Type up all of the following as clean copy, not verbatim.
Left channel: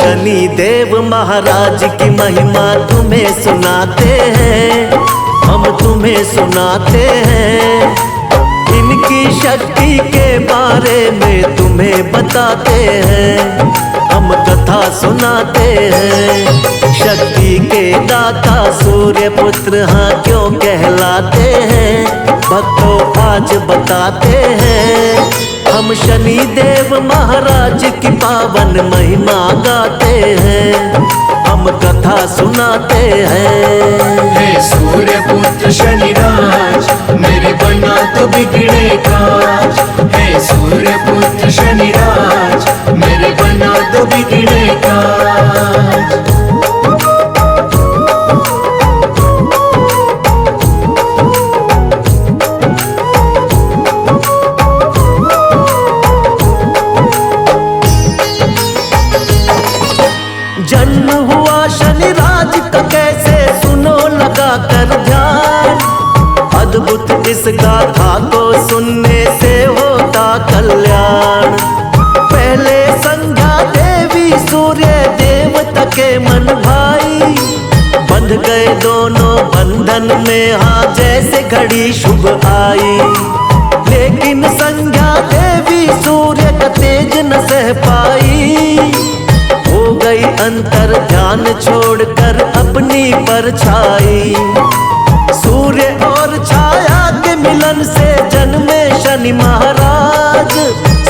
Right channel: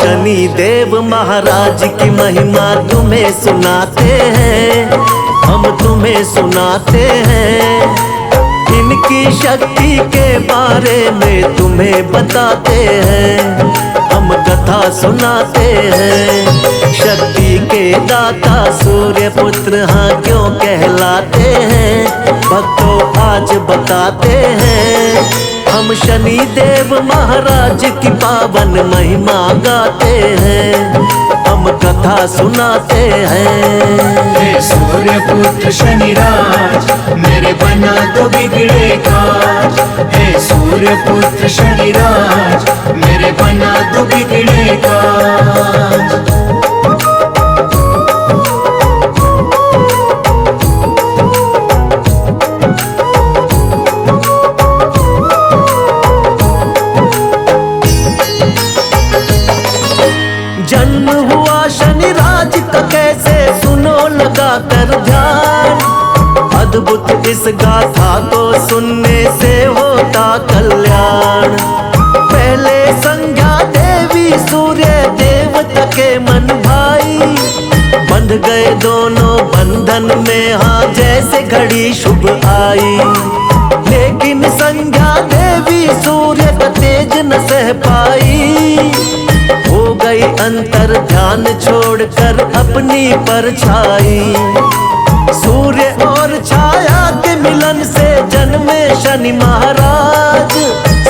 शनि देव महाराज की महिमा तुम्हें सुनाते हैं, हम तुम्हें सुनाते हैं। इनकी शक्ति के बारे में तुम्हें बताते हैं, हम कथा सुनाते हैं। शक्ति के दाता सूर्य पुत्र हाँ क्यों कहलाते हैं, भक्तों आज बताते हैं। हम शनि देव महाराज की पावन महिमा गाते हैं, हम कथा सुनाते हैं। सूर्य पुत्र शनि राज मेरे बना तो बिगड़े काज। हे सूर्य पुत्र शनि राज मेरे बना तो बिगड़े काज। जन्म हुआ शनि राज का कैसे सुनो लगा कर ध्यान। अद्भुत इस गाथा को सुनने से होता कल्याण। पहले संज्ञा देवी सूर्य देवता के मन भाई, बंध गए दोनों बंधन में हाँ जैसे घड़ी शुभ आई। लेकिन संज्ञा देवी सूर्य का तेज न सह पाई, हो गई अंतर ध्यान छोड़कर अपनी परछाई। सूर्य और छाया के मिलन से जन्मे शनि महाराज।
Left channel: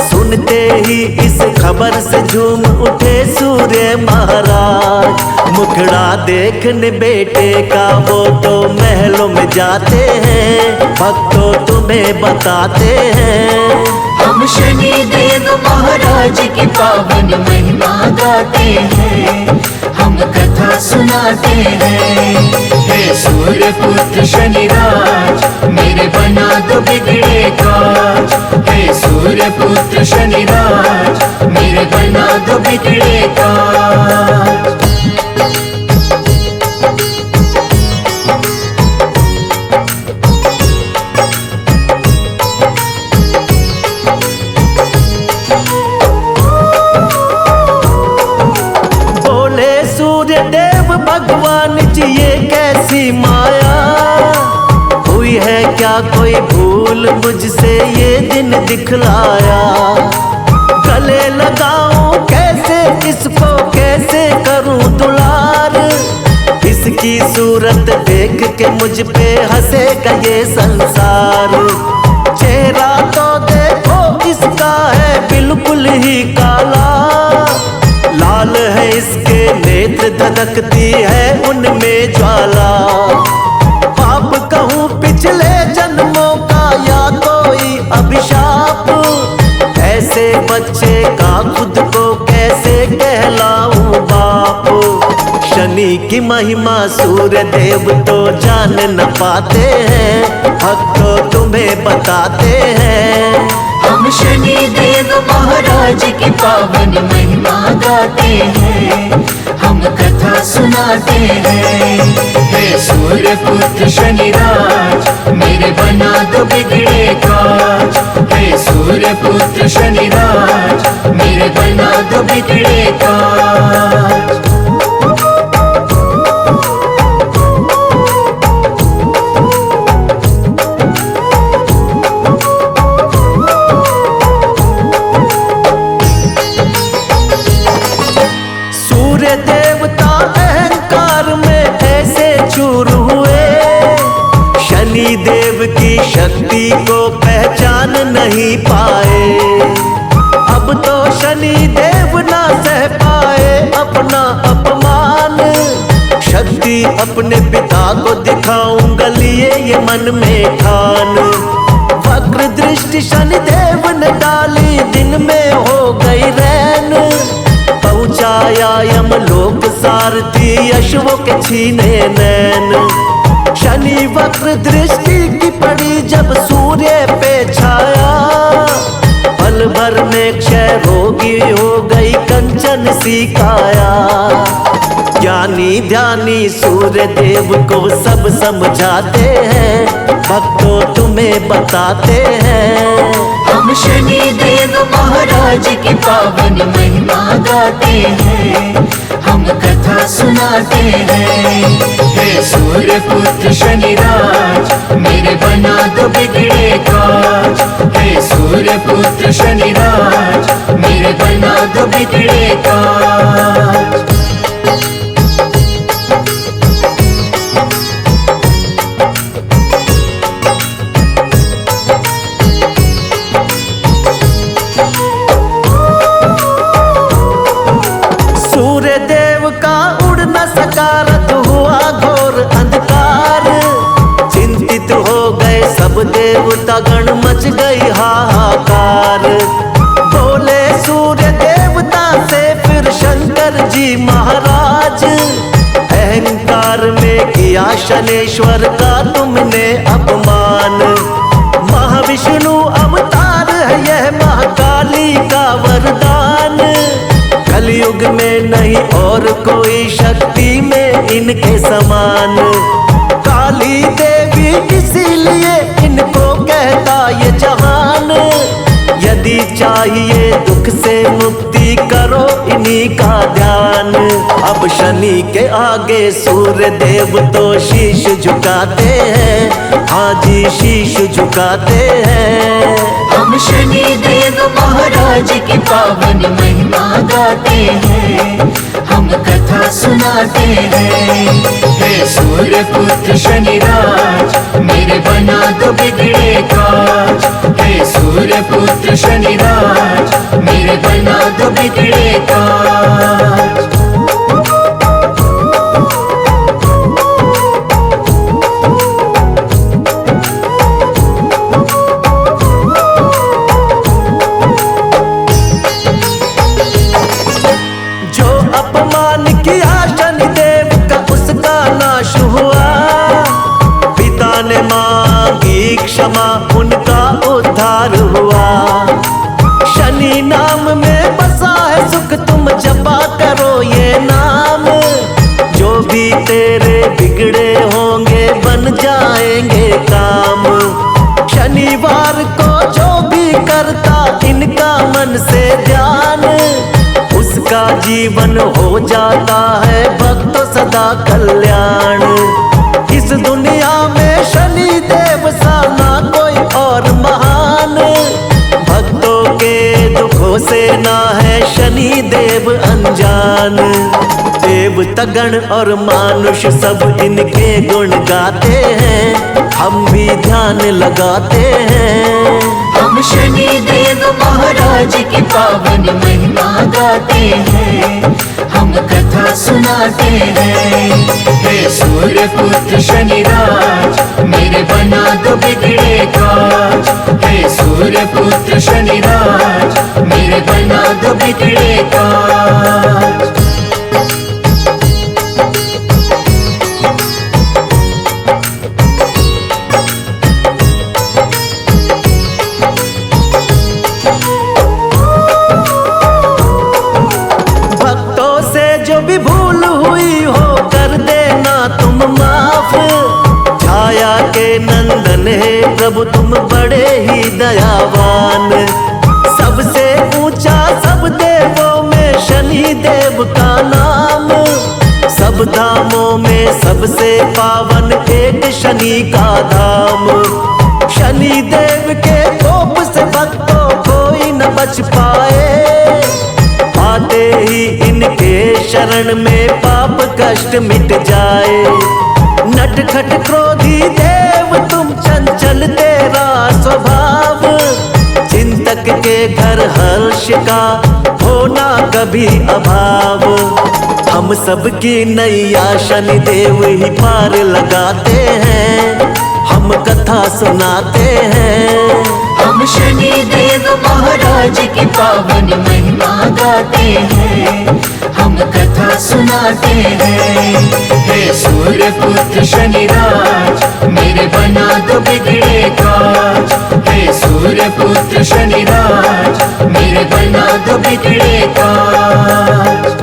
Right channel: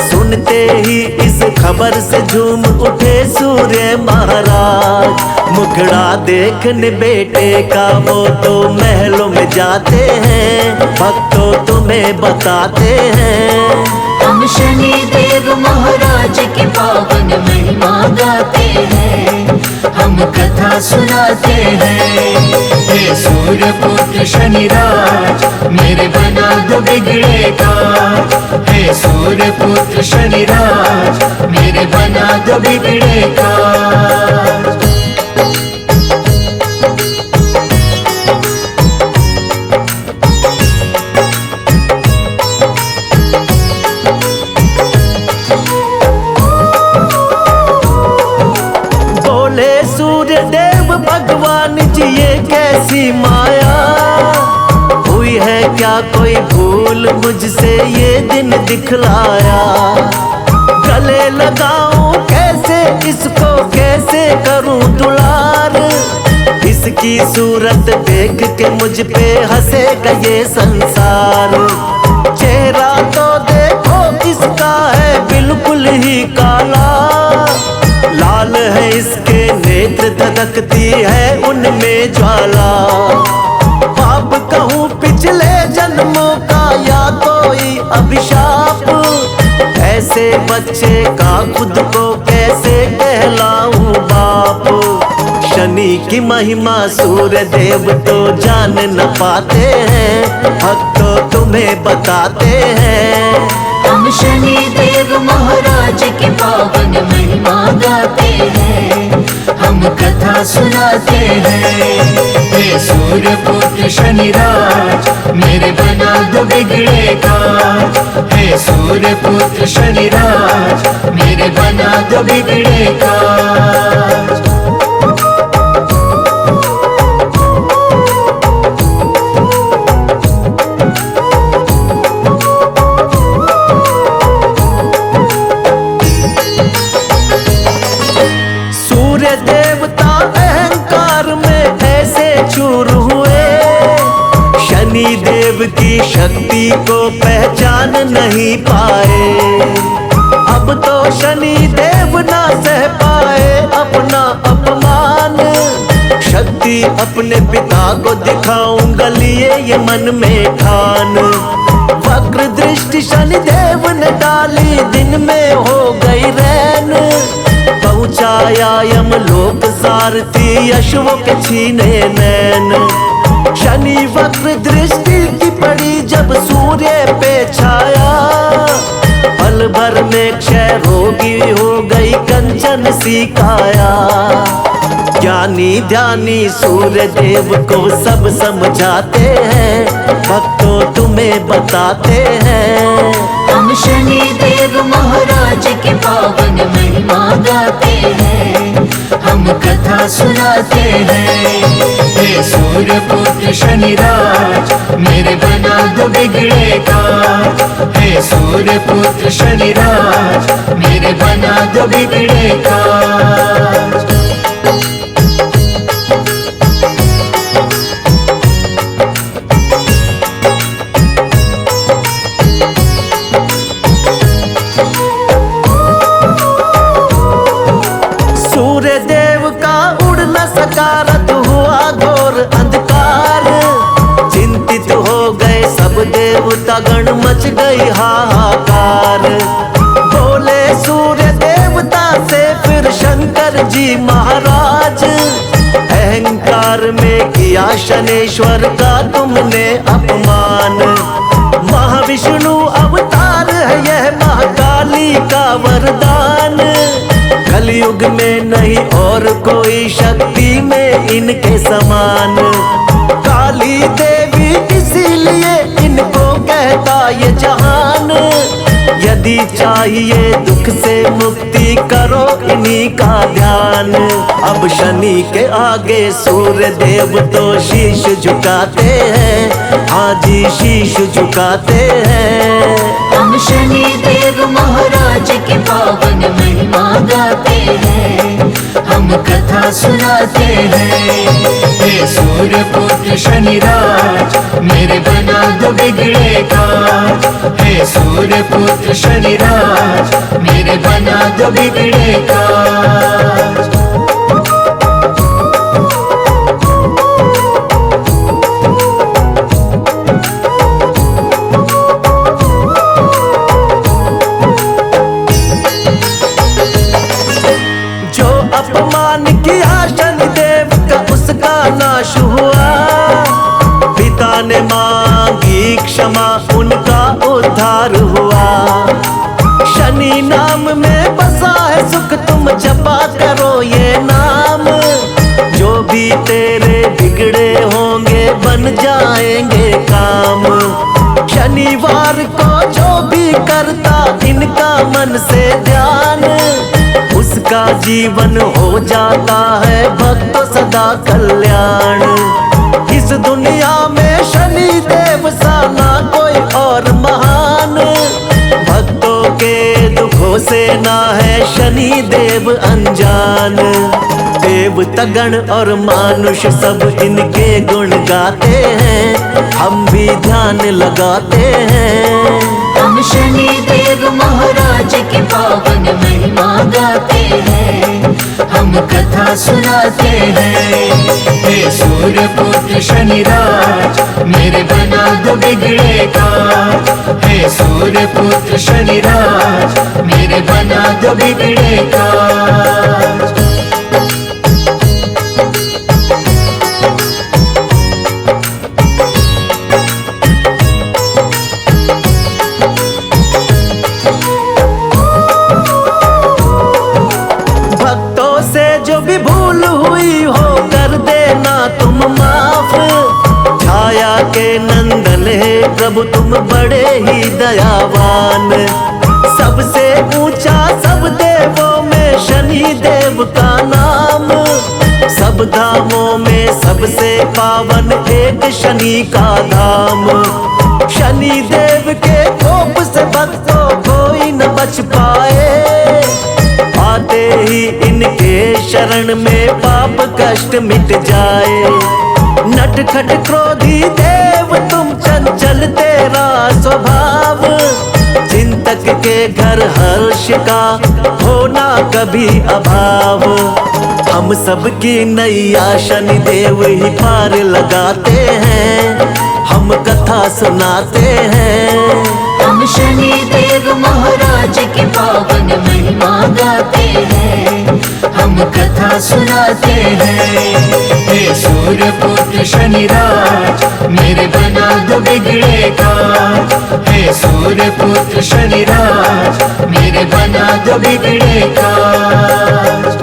सुनते ही इस खबर से झूम उठे सूर्य महाराज। मुखड़ा देखने बेटे का वो तो महलों में जाते हैं, भक्तों तुम्हें बताते हैं। हम शनि देव महाराज की पावन महिमा गाते हैं, हम कथा सुनाते हैं। हे सूर्य पुत्र शनि राज मेरे बना तो बिगड़े काज। हे सूर्य पुत्र शनि राज मेरे बना तो बिगड़े काज। सूर्य देव भगवान जी ये कैसी माया हुई है, क्या कोई भूल मुझसे ये दिन दिखलाया। गले लगाऊं कैसे इसको, कैसे करूं दुलार। इसकी सूरत देख के मुझ पे हंसेगा ये संसार। चेहरा तो देखो इसका है बिल्कुल ही काला, लाल है इसके नेत्र धधकती है उनमें ज्वाला। पाप कहूँ पिछले जन्मों का या कोई अभिशाप, ऐसे बच्चे का खुद को कैसे कहलाऊं बाप। शनि की महिमा सूर्य देव तो जान न पाते हैं, भक्तों तुम्हें बताते हैं। हम शनि देव महाराज की पावन महिमा गाते हैं, हम कथा सुनाते हैं। हे सूर्य पुत्र शनि राज मेरे बना तो बिगड़े काज। हे सूर्य पुत्र शनि राज मेरे बना तो बिगड़े काज। सूर्य देवता अहंकार में ऐसे चूर हुए, शनि देव की शक्ति को पहचान नहीं पाए। अब तो शनि देव ना सह पाए अपना अपमान। शक्ति अपने पिता को दिखाऊंगा लिए ये मन में ठान। वक्र दृष्टि शनि देव ने डाली, दिन में हो गई रैन। पहुँचाया यमलोक सारथी अश्वों के छीने नैन। शनि वक्र दृष्टि की पड़ी जब सूर्य पे छाया, पल भर में क्षय रोगी हो गई कंचन सी काया। ज्ञानी ध्यानी सूर्य देव को सब समझाते हैं, भक्तों तुम्हें बताते हैं। हम शनि देव महाराज की पावन महिमा गाते हैं, सुनाते हैं। हे सूर्य पुत्र शनिराज मेरे बना दो बिगड़े काज। हे सूर्य पुत्र शनिराज मेरे बना दो बिगड़े काज। सूर्य देव का उड़ न सका रथ हुआ घोर अंधकार। चिंतित हो गए सब देवता गण मच गई हाहाकार। बोले सूर्य देवता से फिर शंकर जी महाराज, अहंकार में किया शनेश्वर का तुमने अपमान। महाविष्णु अवतार है यह महाकाली का वरदान। कलयुग में नहीं और कोई शक्ति में इनके समान। काली देवी इसीलिए इनको कहता ये जहान। यदि चाहिए दुख से मुक्ति करो इन्हीं का ध्यान। अब शनि के आगे सूर्य देव तो शीश झुकाते हैं। हाँ जी शीश झुकाते हैं। हम शनि देव महाराज की पावन महिमा गाते हैं। हम कथा सुनाते हैं। हे सूर्य पुत्र शनिराज मेरे बना दो बिगड़े काज। हे सूर्य पुत्र शनिराज मेरे बना दो बिगड़े काज। अपमान किया शनिदेव का उसका नाश हुआ। पिता ने मांगी क्षमा उनका उद्धार हुआ। शनि नाम में बसा है सुख तुम जपा करो ये नाम। जो भी तेरे बिगड़े होंगे बन जाएंगे काम। शनिवार को जो भी करता इनका मन से ध्यान, उसका जीवन हो जाता है भक्तों सदा कल्याण। इस दुनिया में शनि देव सा ना कोई और महान। भक्तों के दुखों से ना है शनि देव अनजान। देवता गण और मानुष सब इनके गुण गाते हैं। हम भी ध्यान लगाते हैं। हम शनि देव महाराज की पावन महिमा गाते हैं। हम कथा सुनाते हैं। हे सूर्य पुत्र शनिराज मेरे बना दो बिगड़े काज। हे सूर्य पुत्र शनिराज मेरे बना दो बिगड़े काज। जो भी भूल हुई हो कर देना तुम माफ। छाया के नंदन है प्रभु तुम बड़े ही दयावान। सबसे ऊंचा सब देवों में शनि देव का नाम। सब धामों में सबसे पावन एक शनि का धाम। शनि देव के कोप से भक्तों कोई न बच पाए। आते ही इनके शरण में पाप कष्ट मिट जाए। नटखट क्रोधी देव तुम चंचल तेरा स्वभाव। चिंतक के घर हर्ष का होना कभी अभाव। हम सबकी नैया शनि देव ही पार लगाते हैं। हम कथा सुनाते हैं। हम शनि देव महाराज की पावन महिमा गाते हैं। हम कथा सुनाते हैं। हे सूर्य पुत्र शनिराज मेरे बना दो बिगड़े काज। हे सूर्य पुत्र शनिराज मेरे बना दो बिगड़े काज।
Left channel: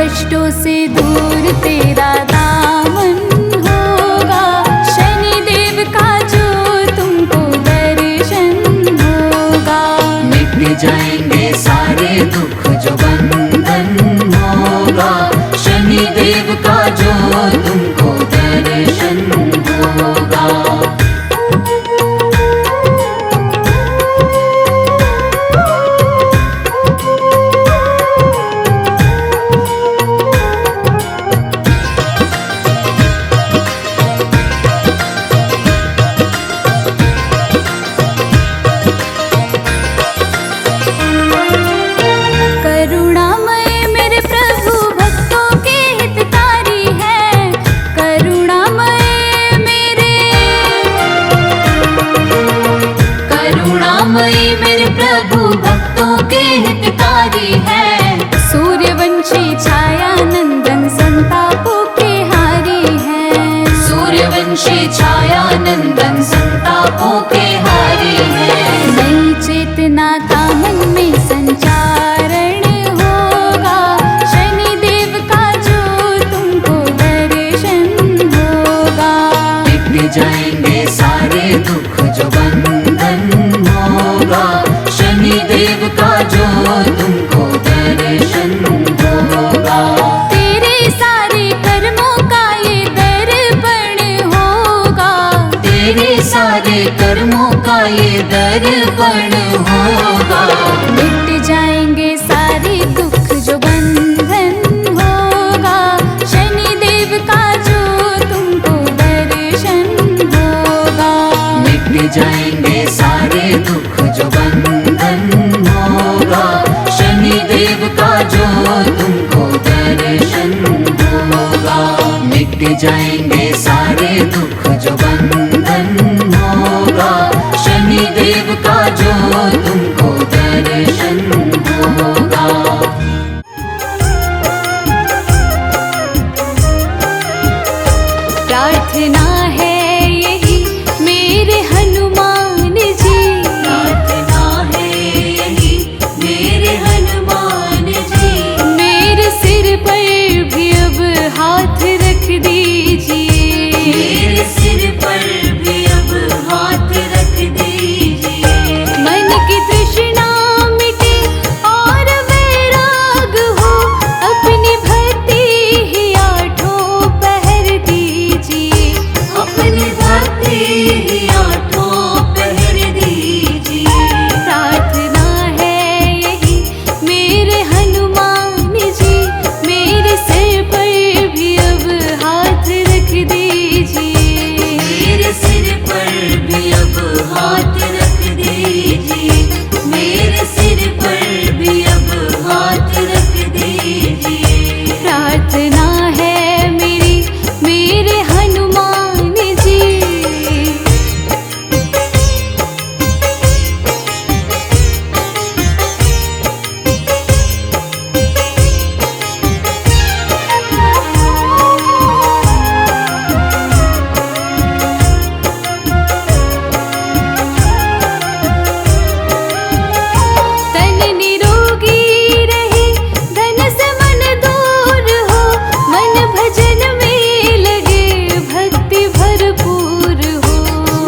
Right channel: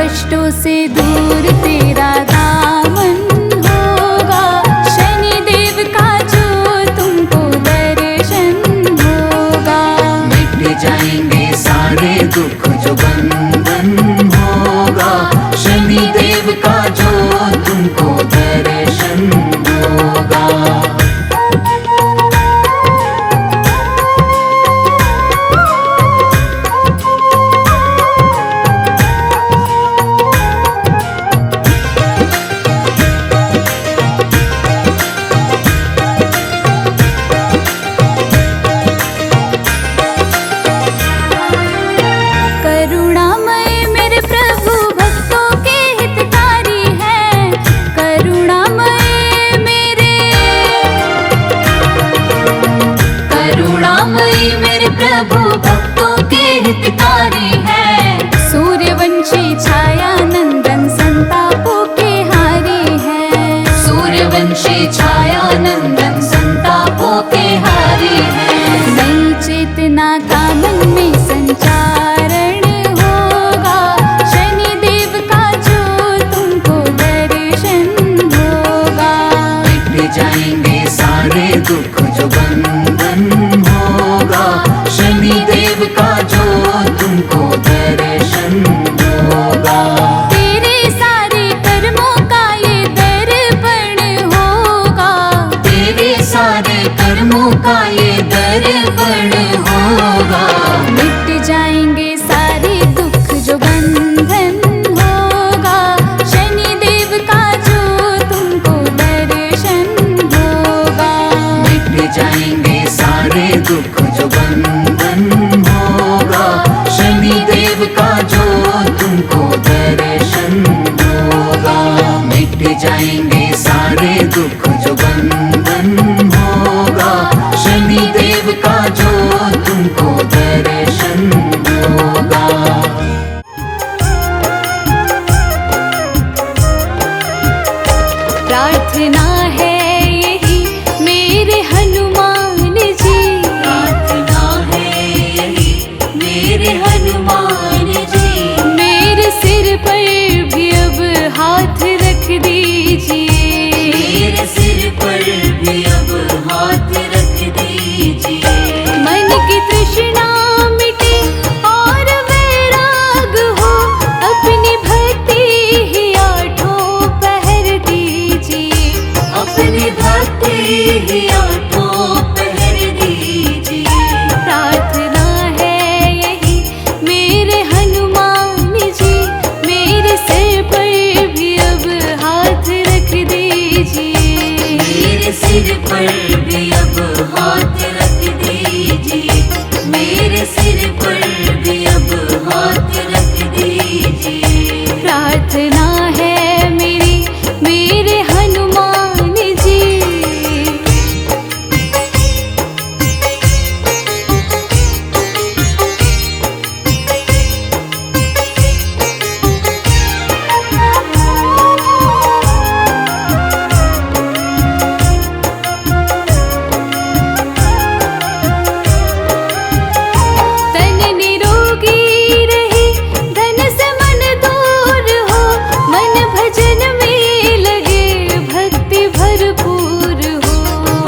कष्टों से दूर तेरा दामन होगा, शनिदेव का जो तुमको दर्शन होगा। मिट जाएंगे सारे दुख जो बंधन होगा, शनिदेव का जो तुमको दर्शन होगा। करुणामय मेरे प्रभु भक्तों के हितकारी हैं, करुणामय मेरे, करुणामयी मेरे प्रभु भक्तों के हितकारी हैं। सूर्यवंशी छाया नंदन संतापों के हारी हैं। सूर्यवंशी छाया नंदन संतापों के हारी हैं। नई चेतना का मन में संचारण होगा, शनिदेव का जो तुमको दर्शन होगा। मिट जाएंगे सारे दुख जो बंधन होगा, शनिदेव का जो तुमको दर्शन होगा। तेरे सारे कर्मों का ये दर्पण होगा, तेरे सारे कर्मों का ये दर्पण होगा। मिट जाएंगे सारे दुख जो बंधन होगा, शनिदेव का जो तुमको दर्शन होगा। मिट जाएंगे सारे दुख जो बंधन होगा, शनिदेव का जो तुमको दर्शन होगा। मिट जाएंगे सारे दुख जो बंधन होगा, शनिदेव का जो तुमको दर्शन होगा। प्रार्थना है यही मेरे हनुमान जी, प्रार्थना है यही मेरे हनुमान जी। मेरे सिर पर भी अब हाथ रख दीजिए। मेरे सिर पर भी अब हाथ रख दीजिए। मन की तृष्णा मिटे और वैराग हो, अपनी भक्ति ही आठों पहर दीजिए। अपनी भक्ति ही आठों पहर दीजिए। प्रार्थना है यही मेरे हनुमान जी, मेरे सिर पर भी अब हाथ रख दीजिए। मेरे सिर पर भी अब हाथ रख दीजिए। मेरे सिर पर भी अब हाथ रख दीजिए। प्रार्थना है मेरे हनुमान जी। तन निरोगी रहे, धन से मन दूर हो, मन भजन में लगे भक्ति भरपूर हो।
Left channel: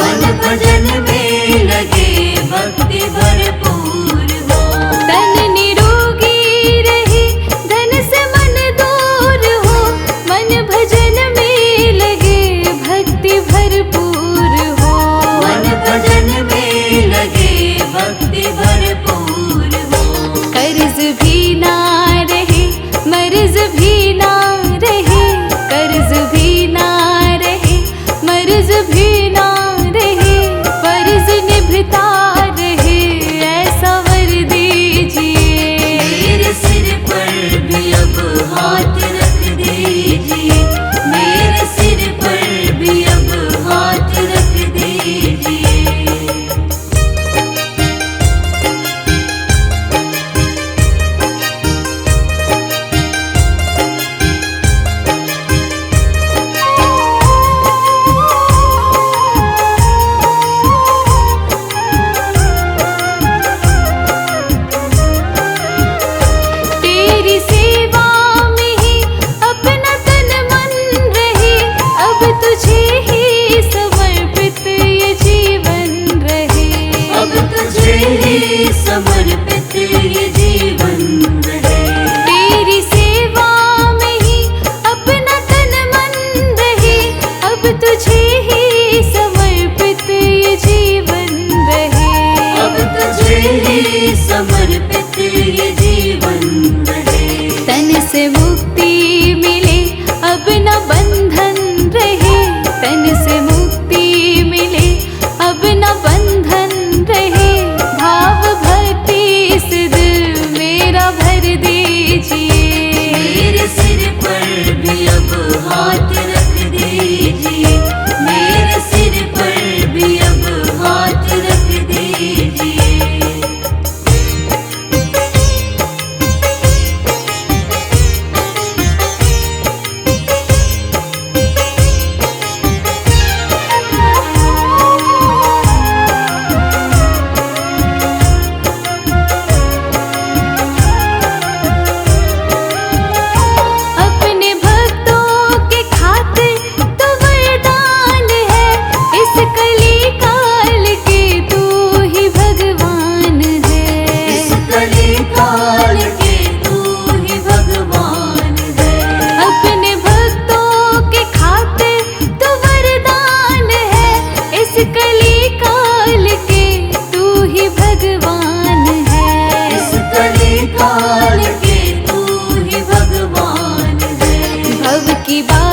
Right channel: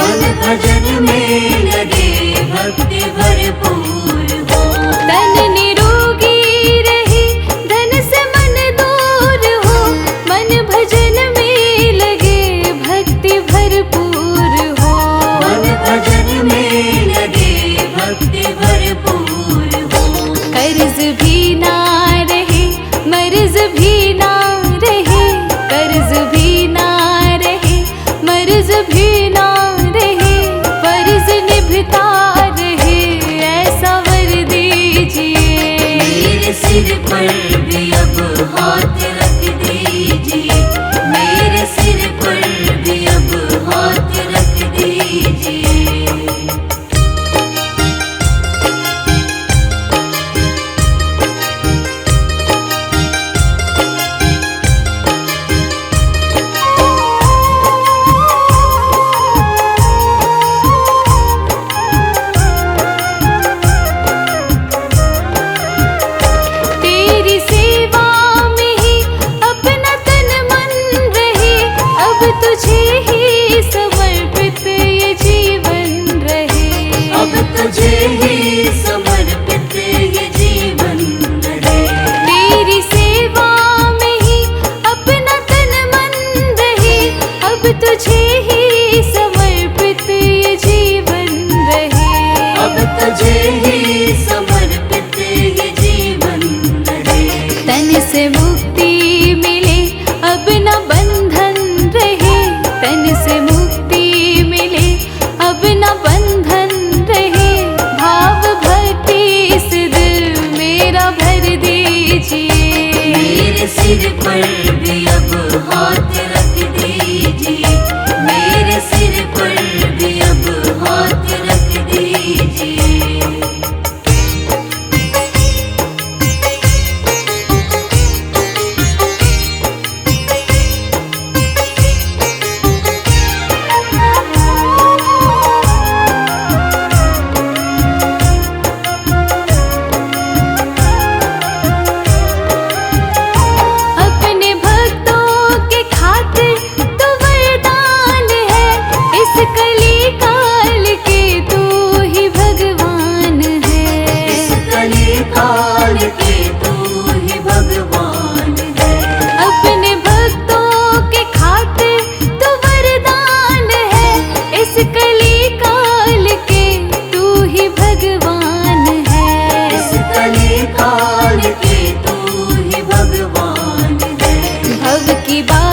मन भजन में लगे भक्ति भरपूर हो। तन निरोगी रहे, धन से मन दूर हो, मन भजन में लगे भक्ति भरपूर हो। मन भजन में लगे भक्ति भरपूर हो। कर्ज भी ना रहे, मर्ज भी ना रहे, कर्ज भी ना रहे, मर्ज भी ना रहे, फर्ज निभता रहे, ऐसा वर दीजिए। मेरे सिर पर भी अब हाथ रख दीजिए। मेरे सिर पर भी अब हाथ रख दीजिए। तेरी सेवा में ही से मुक्ति मिले अब न बंधन रहे, तन से मुक्ति मिले अब न बंधन रहे। भाव भक्ति इस दिल मेरा भर दीजिए, मेरे सिर पर भी अब हाथ रख दीजिए, मेरे सिर पर भी अब हाथ रख दीजिए। अपने भक्तों के खातिर तू वरदान है, इस कली काल के तू ही भगवान है। इस कली काल के तू ही भगवान है। अपने भक्तों के खातिर तू वरदान है, इस कली काल के तू ही भगवान है। इस कली काल के तू ही भगवान है। भव की बात